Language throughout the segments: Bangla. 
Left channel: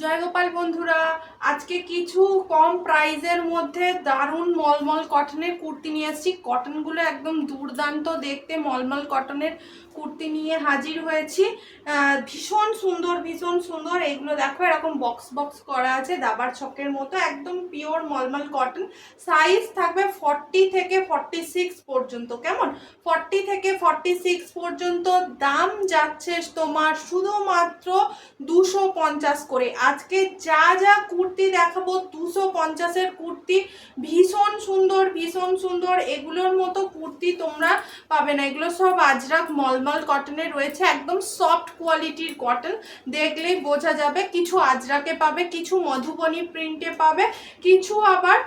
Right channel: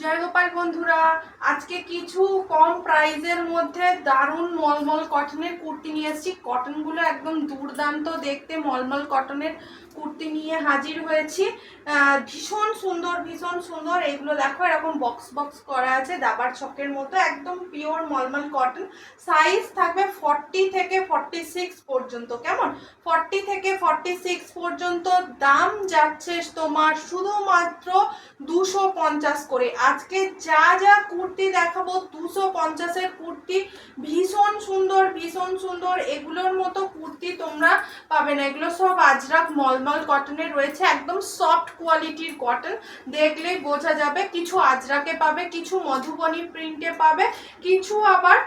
জয় গোপাল বন্ধুরা, আজকে কিছু কম প্রাইজের মধ্যে দারুণ মলমল কটনের কুর্তি নিয়ে এসেছি। কটনগুলো একদম দুর্দান্ত দেখতে, মলমল কটনের কুর্তি নিয়ে হাজির হয়েছি। ভীষণ সুন্দর ভীষণ সুন্দর। এইগুলো দেখো, এরকম বক্স বক্স করা আছে, দাবার ছকের মতো, একদম পিওর মলমল কটন সাইজ থাকবে ফর্টি থেকে ফর্টি সিক্স পর্যন্ত, কেমন? ফর্টি থেকে ফর্টি সিক্স পর্যন্ত দাম যাচ্ছে তোমার শুধুমাত্র দুশো পঞ্চাশ করে। আজকে যা যা কুর্তি দেখাবো, দুশো পঞ্চাশের কুর্তি, ভীষণ সুন্দর ভীষণ সুন্দর। এগুলোর মতো কুর্তি তোমরা পাবে না। এগুলো সব আজরাক মলমল কটনের রয়েছে, একদম সফট কোয়ালিটির কটন দেখলেই বোঝা যাবে কিছু আজরাকে পাবে, কিছু মধুবনী প্রিন্টে পাবে, কিছু আবার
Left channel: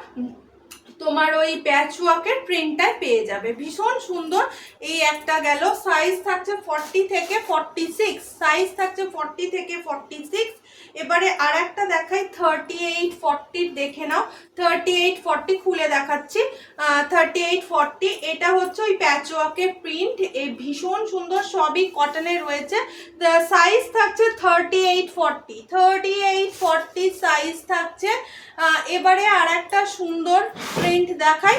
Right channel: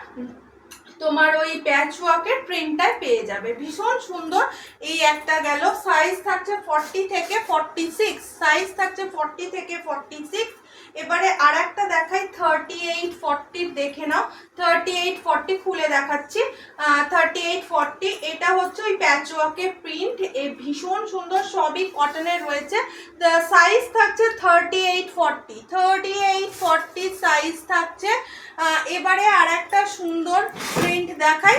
তোমার ওই প্যাচ ওয়ার্কের প্রিন্টটাই পেয়ে যাবে। ভীষণ সুন্দর এই একটা গেল। সাইজ থাকছে ফর্টি থেকে ফর্টি সিক্স সাইজ থাকছে ফর্টি থেকে ফর্টি সিক্স এবারে আর একটা দেখাই থার্টি এইট ফর্টির দেখে নাও। থার্টি এইট ফর্টি খুলে দেখাচ্ছি। থার্টি এইট ফর্টি এটা হচ্ছে ওই প্যাচ ওয়ার্কের প্রিন্ট এই ভীষণ সুন্দর সবই কটনের রয়েছে। সাইজ থাকছে thirty eight forty thirty eight forty size থাকছে এবারে আর একটা সুন্দর প্রিন্ট দেখাই।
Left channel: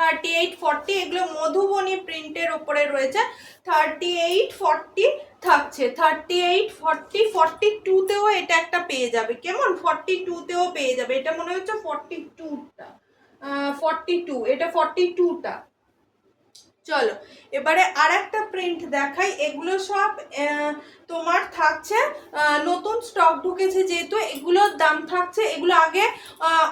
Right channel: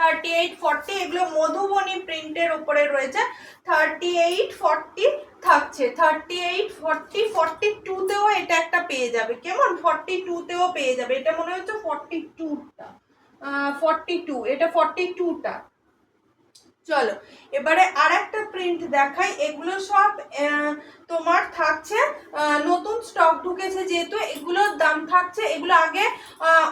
থার্টি এইট ফর্টি এগুলো মধুবনী প্রিন্টের উপরে রয়েছে। থার্টি এইট ফর্টি থাকছে। থার্টি এইট ফর্টি ফর্টি টুতেও এটা একটা পেয়ে যাবে। কেমন? ফর্টি টুতেও পেয়ে যাবে। এটা মনে হচ্ছে ফর্টি টুটা ফর্টি টু এটা ফর্টি টুটা চলো, এবারে আর একটা প্রিন্ট দেখাই। এগুলো সব তোমার থাকছে নতুন স্টক ঢুকেছে যেহেতু এগুলোর দাম থাকছে, এগুলো আগে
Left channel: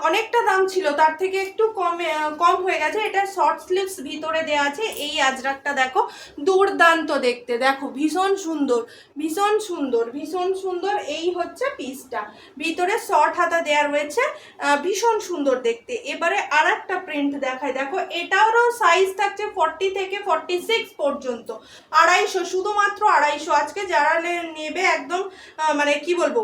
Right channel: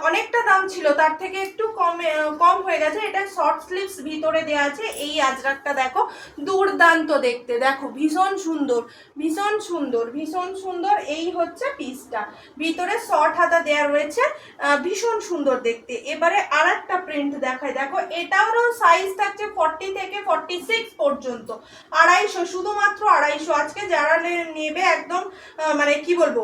অনেকটা দাম ছিল, তার থেকে একটু কমে কম হয়ে গেছে। এটা শর্ট স্লিভস ভিতরে দেওয়া আছে, এই আজরাকটা দেখো, দুর্দান্ত দেখতে। দেখো, ভীষণ সুন্দর ভীষণ সুন্দর ভীষণ সুন্দর। এই হচ্ছে পিসটা ভিতরে শর্ট হাতা দেওয়া রয়েছে ভীষণ সুন্দর দেখতে। এবারে আর একটা প্রিন্ট দেখায় দেখো, এটারও সাইজ থাকছে ফর্টি থেকে ফর্টি সিক্স পর্যন্ত। আড়াইশো, শুধুমাত্র আড়াইশো। আজকে যারা নেবে একদম মানে কি বলব?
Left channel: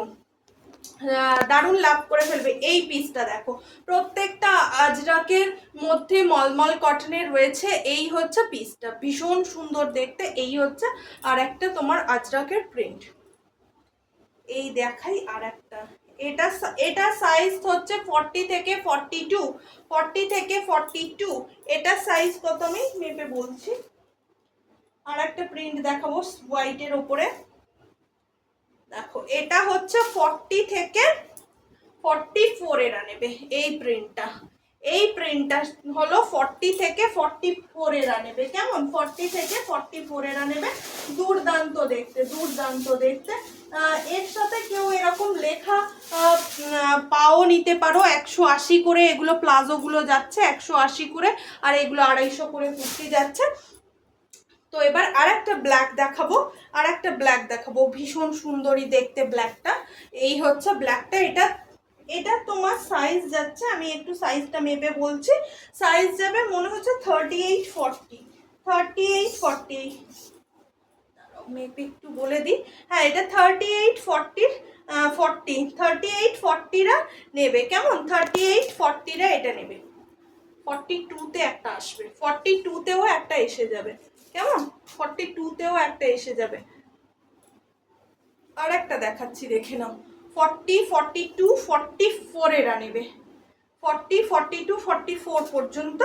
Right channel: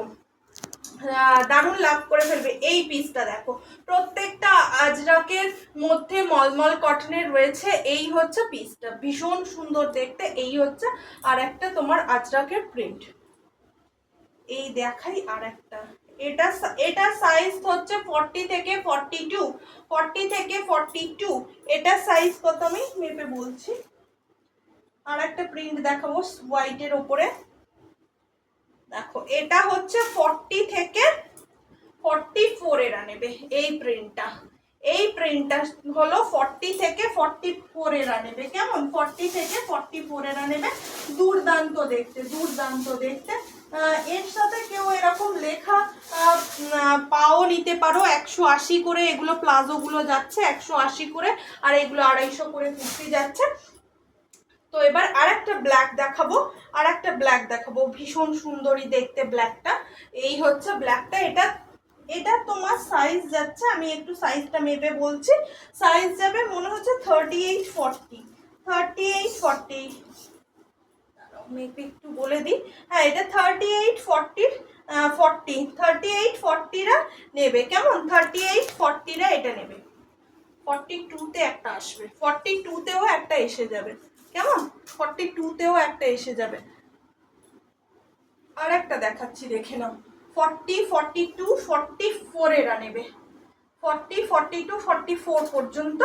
দারুণ লাভ করে ফেলবে এই পিসটা দেখো। প্রত্যেকটা আজরাকের মধ্যে মলমল কটনের রয়েছে, এই হচ্ছে পিসটা ভীষণ সুন্দর দেখতে, এই হচ্ছে আর একটা তোমার আজরাকের প্রিন্ট এই দেখাই আর একটা। এটা এটা সাইজ হচ্ছে ফর্টি থেকে ফর্টি টু ফর্টি থেকে ফর্টি টু এটা সাইজ কত আমি মেপে বলছি? আর একটা প্রিন্ট দেখাবো হোয়াইটের ওপরে। দেখো, এটা হচ্ছে ফর্টি থেকে ফর্টি ফোর এরা নেবে এই প্রিন্টটা এই প্রিন্টটা হলো ফর্টি থেকে ফর্টি ফোর এরা নেবে, কেমন? ফর্টি থেকে ফর্টি ফোর এরা নেবে। দুর্দান্ত দেখতে দুর্দান্ত দেখতে। এর সাথে কেউ এরকম লেখা পাও নিতে পারো, একশো আশি করে এগুলো প্লাজোগুলো যাচ্ছে, একশো আশি করে, আর এগুলো আড়াইশো করে কুর্তি যাচ্ছে। তো এবার আর একটা ব্ল্যাক দেখাবো আর একটা ব্ল্যাক দেখাবো। ভীষণ সুন্দরী দেখতে ব্ল্যাকটা এই হচ্ছে ব্ল্যাকটা এটা এটা তোমার সাইজ যাচ্ছে, আমি একটু সাইজটা মেপে বলছি। সাইজ যাবে মনে হচ্ছে thirty eight forty thirty eight forty মেপে একটু বলে দিই। হ্যাঁ এটা থার্টি এইট ফর্টির ফর্টি থার্টি এইট ফর্টিরা নেবে। কেমন? থার্টি এইট ফর্টিরা এটা নেবে। ফর্টি টুতে একটা আসবে। ফর্টি টুতেও একটা এসে যাবে। কেমন? ফর্টি টুতেও একটা এসে যাবে। আর একটা দেখাচ্ছি, দেখে নাও। Forty forty two forty four এরা নেবে। Forty forty two forty four পর্যন্ত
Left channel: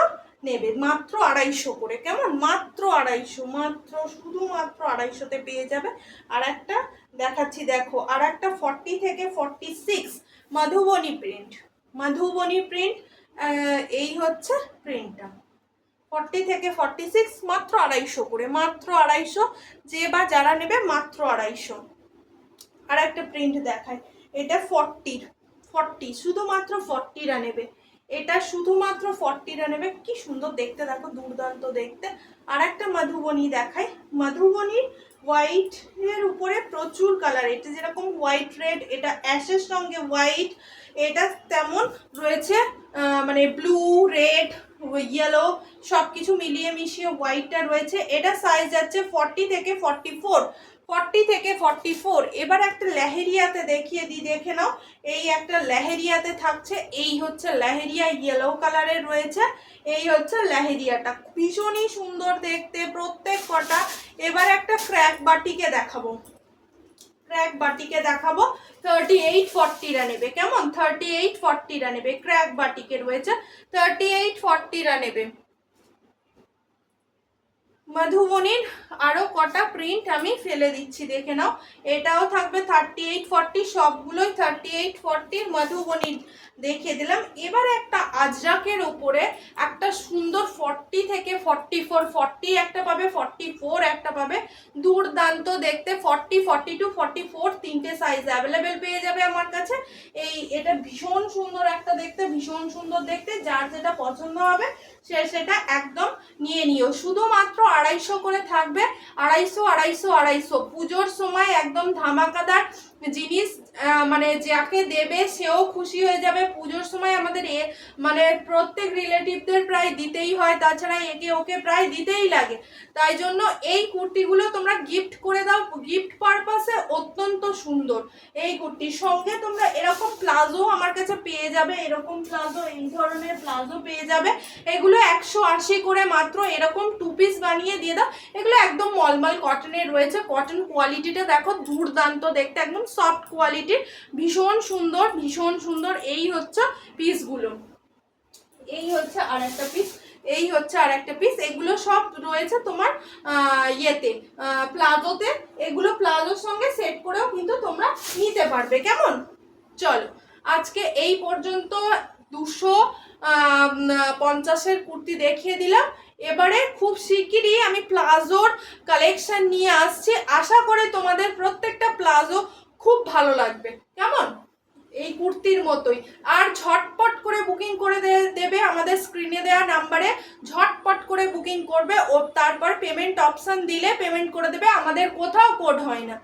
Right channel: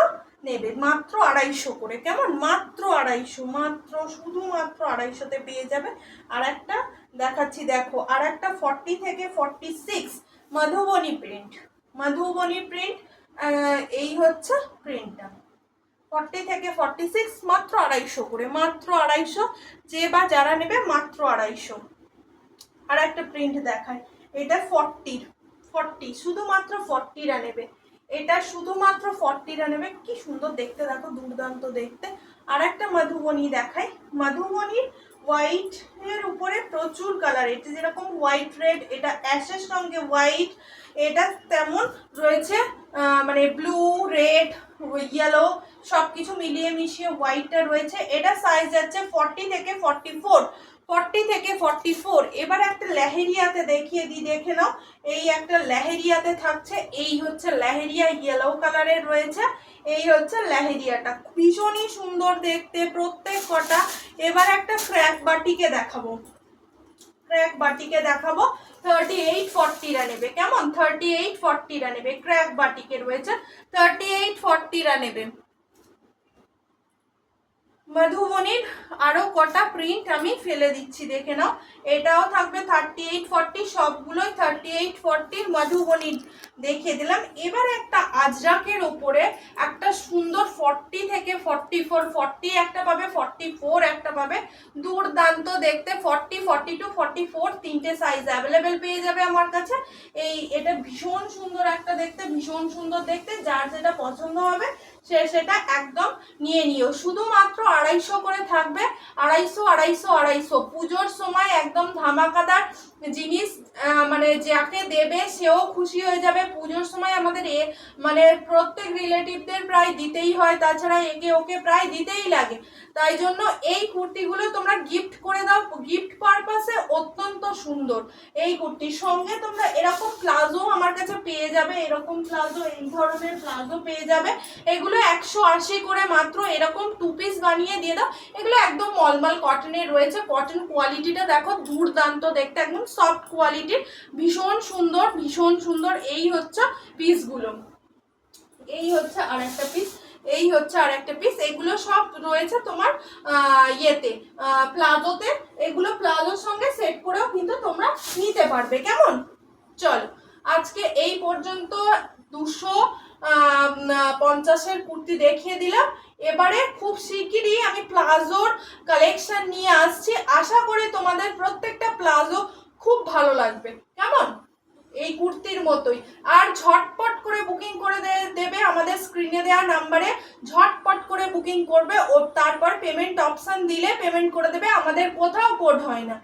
নেবে। মাত্র আড়াইশো করে। কেমন? মাত্র আড়াইশো, মাত্র, শুধুমাত্র আড়াইশোতে পেয়ে যাবে। আর একটা দেখাচ্ছি, দেখো। আর একটা ফর্টি থেকে forty six Madhubani print Madhubani print এই হচ্ছে প্রিন্টটা ফর্টি থেকে ফর্টি সিক্স মাত্র আড়াইশো করে, মাত্র আড়াইশো, যে বা যারা নেবে মাত্র আড়াইশো। আর একটা প্রিন্ট দেখায় এটা ফর্টির ফর্টি শুধুমাত্র ফর্টিরা নেবে। এটা শুধুমাত্র ফর্টিরা নেবে, কি সুন্দর দেখতে, দেখো দুর্দান্ত দেখতে। আর একটা মধুবনী দেখায় মধুবনীর হোয়াইট এর উপরে প্রচুর কালার এটা যেরকম হোয়াইট রেড এটা অ্যাশের সঙ্গে হোয়াইট এটা তেমন রয়েছে মানে ব্লু রেড ইয়েলো সব কিছু মিলিয়ে মিশিয়ে হোয়াইটটা রয়েছে। এটা সাইজ যাচ্ছে ফর্টি থেকে ফর্টি ফোর ফর্টি থেকে ফর্টি ফোর এবার একটা লেহেরিয়াতে দেখিয়ে দিই দেখে নাও। এই একটা লেহেরিয়াতে থাকছে। এই হচ্ছে লেহেরিয়া ইয়েলো কালারের রয়েছে। এই হচ্ছে লেহেরিয়াটা। ভীষণই সুন্দর দেখতে প্রত্যেক কটা। এবার একটা ক্র্যাক বাটিকে দেখাবো। ক্র্যাক বাটিকে দেখাবো। থার্টি এইট ফর্টিরা নেবে। কেমন? থার্টি এইট ফর্টিরা নেবে। ক্র্যাক বাটিকে রয়েছে। থার্টি এইট ফর্টিরা নেবে। মধুবনীর আরও কটা প্রিন্ট আমি ফেলে দিচ্ছি, দেখে নাও। এটাও থাকবে থার্টি এইট ফর্টি সবগুলোই থার্টি এইট ফর্টির মধুবনীর। দেখিয়ে দিলাম। এবার একটা আজরাকের উপরে একটা সুন্দর ফর্টি থেকে ফর্টি ফোর ফর্টি একটা পাবে ফর্টি ফোর একটা পাবে। দুর্দান্ত দেখতে forty forty two forty four তিনটে সাইজ অ্যাভেলেবেল পেয়ে যাবে আমার কাছে। এই, এটা ভীষণ সুন্দর একটা দেখতে, ভীষণ সুন্দর দেখতে, যার যেটা পছন্দ হবে সে সেটা একদম নিয়ে নিও। শুধুমাত্র আড়াইশো করে থাকবে। আড়াইশো আড়াইশো আড়াইশো। পুজোর সময় একদম ধামাকাদার জিনিস মানে যাকে দেবে সেও খুশি হয়ে যাবে। পুজোর সময় আমাদের এ মানে প্রত্যেক রিলেটিভদের প্রায় দিতেই হয়। তাছাড়া একে ওকে প্রায় দিতেই লাগে। তাই জন্য এই কুর্তিগুলো তোমরা গিফট করে দাও। গিফট পারপাসে অত্যন্ত সুন্দর। এই কুর্তির সঙ্গে তোমরা এরকম প্লাজো আমার কাছে পেয়ে যাবে। এরকম প্লাজো, এই ধরনের প্লাজো পেয়ে যাবে। এগুলো একশো আশি করে মাত্র এরকম টু পিস বানিয়ে দিয়ে দাও। এগুলো একদম মলমল কটনের রয়েছে। কটন কোয়ালিটিটা দেখো দুর্দান্ত দেখতে, একদম সফট কোয়ালিটির ভীষণ সুন্দর ভীষণ সুন্দর। এই হচ্ছে পিসগুলো এই হচ্ছে আর একটা পিস এই হচ্ছে আর একটা পিস এগুলো সব রয়েছে তোমার ইয়েতে প্লাজোতে। এগুলো প্লাজোর সঙ্গে সেট করেও কিন্তু তোমরা নিতে পারবে। কেমন? চলো, আজকে এই পর্যন্ত দুশো পঞ্চাশের কুর্তি দেখিয়ে দিলাম। এবারে খুব শিগগিরই আমি প্লাজোর কালেকশন নিয়ে আসছি। আশা করি তোমাদের প্রত্যেকটা প্লাজো খুব ভালো লাগবে। কেমন? এই কুর্তির মতোই। আর ঝটপট করে বুকিং করে দেবে আমাদের স্ক্রিনে দেওয়া নাম্বারে ঝটপট করে বুকিং করবে, ও তারপর পেমেন্ট অপশান দিলে পেমেন্ট করে দেবে। আমাদের কোথাও কোড হয় না।